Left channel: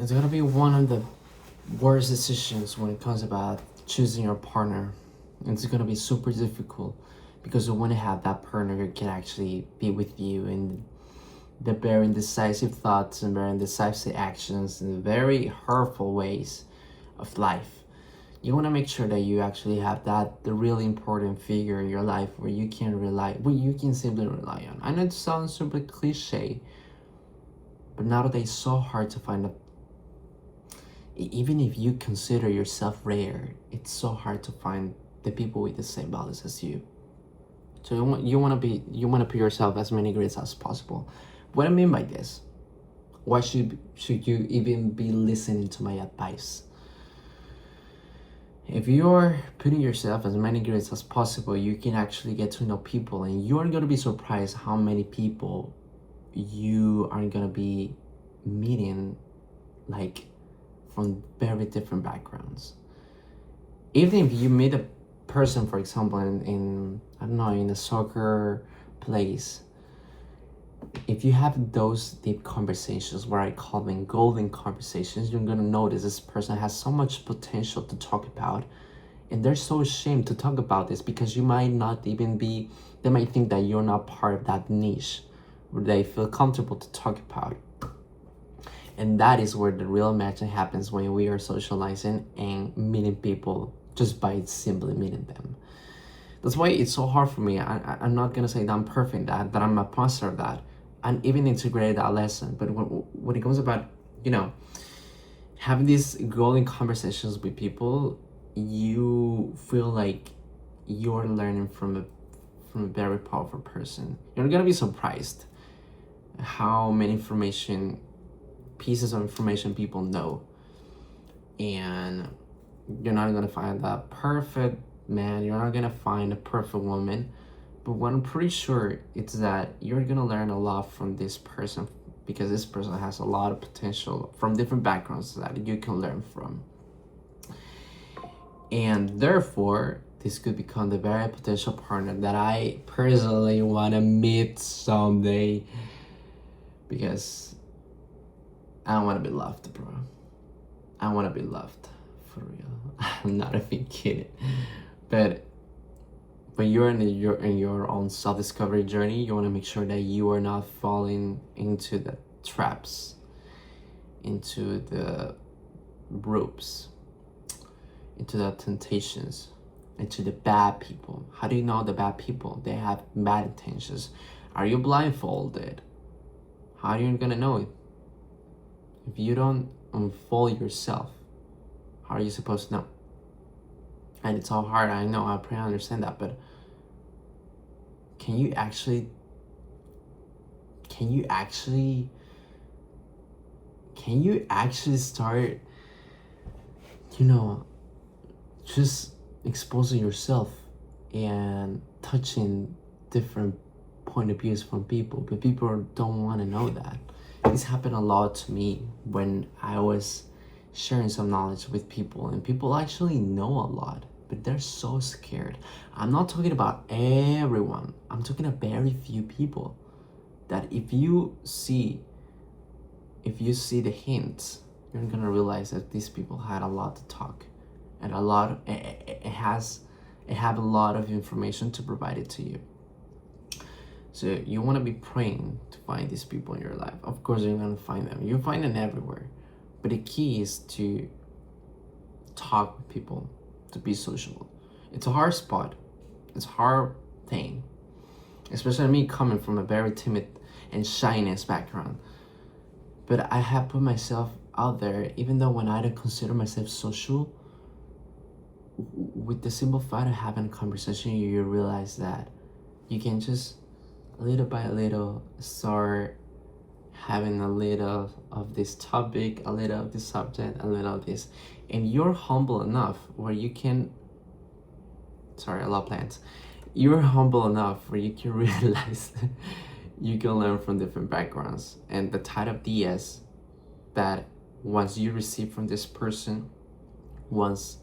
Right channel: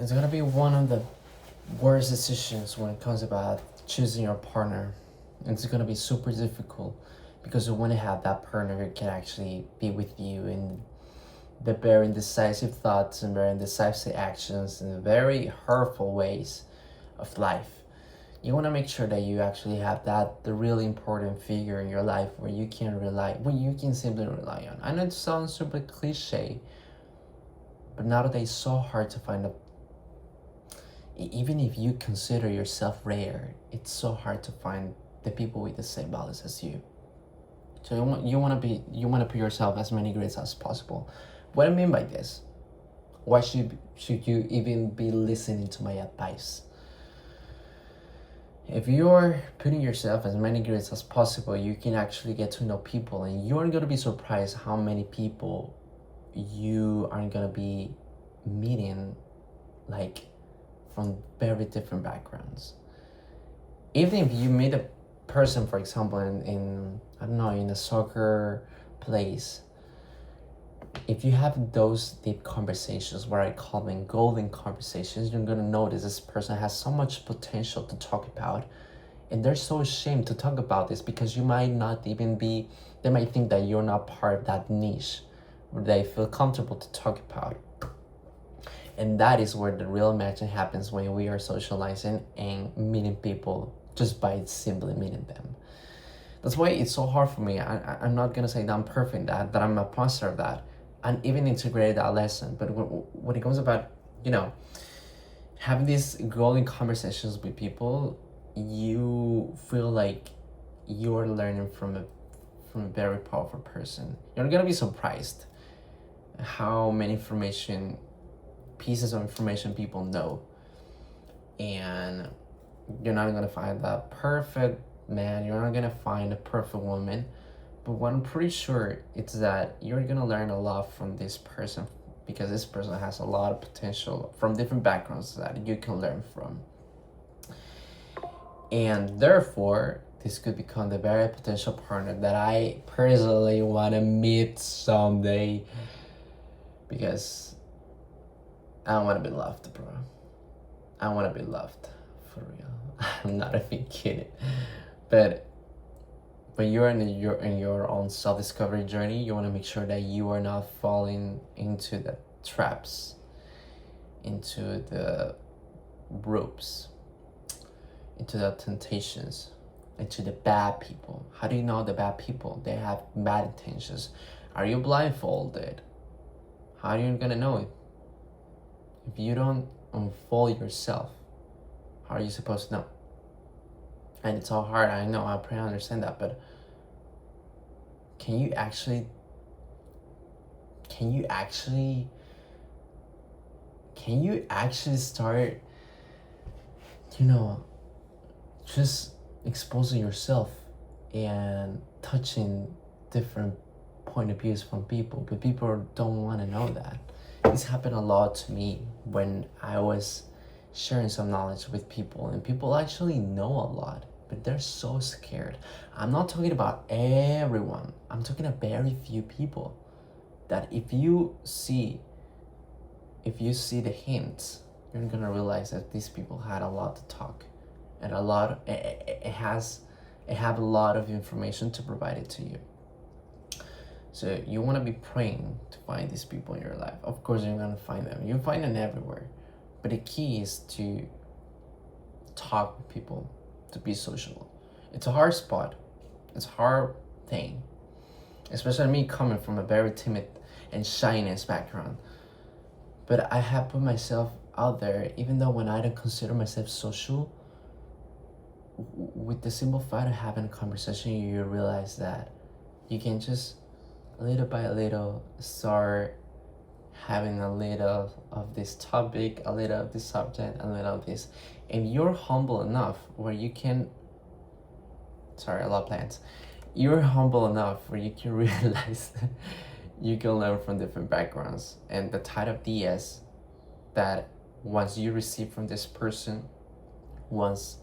It's gonna be one of the worst decisions when it comes about choosing your partner. It's gonna be super difficult because you want to have that partner who can actually be with you in the very indecisive thoughts and very indecisive actions and very hurtful ways of life. You want to make sure that you actually have that the really important figure in your life where you can rely, where you can simply rely on. I know it sounds super cliche, but nowadays it's so hard to find a, even if you consider yourself rare, it's so hard to find the people with the same values as you. So you want to be, you want to put yourself as many grades as possible. What I mean by this, why should you even be listening to my advice? If you're putting yourself as many grades as possible, you can actually get to know people, and you're gonna be surprised how many people you are gonna be meeting, like from very different backgrounds. Even if you meet a person, for example, in I don't know, in a soccer place, if you have those deep conversations, where I call them golden conversations, you're gonna notice this person has so much potential to talk about, and they're so ashamed to talk about this because you might not even be, they might think that you're not part of that niche where they feel comfortable to talk about. And that is where the real magic happens, when we are socializing and meeting people just by simply meeting them. That's why it's so hard for me. I'm not gonna say that I'm perfect, that I'm a master of that, and even integrated that lesson. But when it comes about, you know, having these golden conversations with people, you feel like you are learning from a very powerful person. You're gonna be surprised how many pieces of information people know, and you're not gonna find that perfect man, you're not gonna find a perfect woman, but what I'm pretty sure it's that you're gonna learn a lot from this person, because this person has a lot of potential from different backgrounds that you can learn from. And therefore, this could become the very potential partner that I personally want to meet someday, because I want to be loved, bro. I want to be loved for real. I'm not even kidding. But when you're in your own self-discovery journey, you want to make sure that you are not falling into the traps, into the ropes, into the temptations, into the bad people. How do you know the bad people? They have bad intentions. Are you blindfolded? How are you gonna know it? If you don't unfold yourself, how are you supposed to know? And it's all hard, I know, I pretty understand that, but can you actually start, you know, just exposing yourself and touching different point of views from people, but people don't want to know that. This happened a lot to me when I was sharing some knowledge with people, and people actually know a lot, but they're so scared. I'm not talking about everyone, I'm talking about very few people that if you see the hints, you're gonna realize that these people had a lot to talk, and it have a lot of information to provide it to you. So you want to be praying to find these people in your life. Of course, you're gonna find them. You find them everywhere, but the key is to talk with people, to be social. It's a hard spot. It's a hard thing, especially me coming from a very timid and shyness background. But I have put myself out there, even though when I don't consider myself social. With the simple fact of having a conversation, you realize that you can just little by little start having a little of this topic, a little of this subject, a little of this, and you're humble enough where you can, sorry, I love plants, you're humble enough where you can realize you can learn from different backgrounds, and the type of DS that once you receive from this person, once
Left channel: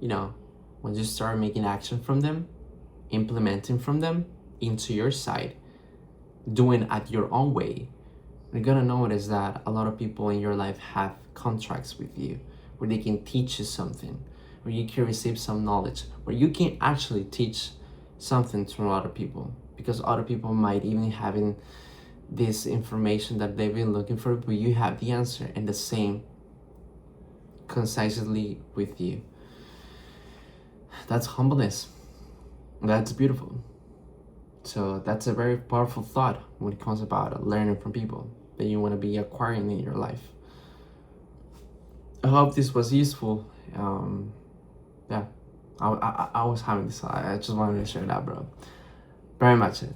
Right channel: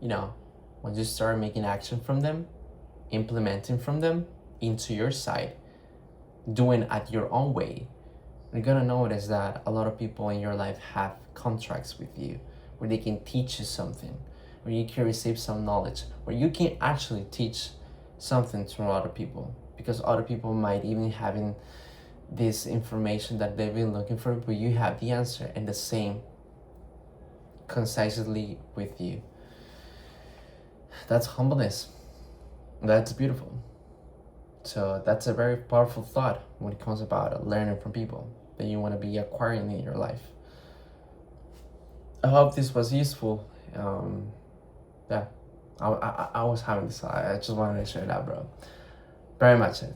you start making action from them, implementing from them into your side, doing at your own way, you're gonna notice that a lot of people in your life have contracts with you where they can teach you something, where you can receive some knowledge, where you can actually teach something to other people, because other people might even having this information that they've been looking for, but you have the answer and the same concisely with you. That's humbleness. That's beautiful. So that's a very powerful thought when it comes about learning from people that you want to be acquiring in your life. I hope this was useful. Yeah, I was having this. I just wanted to share that, bro. Very much it.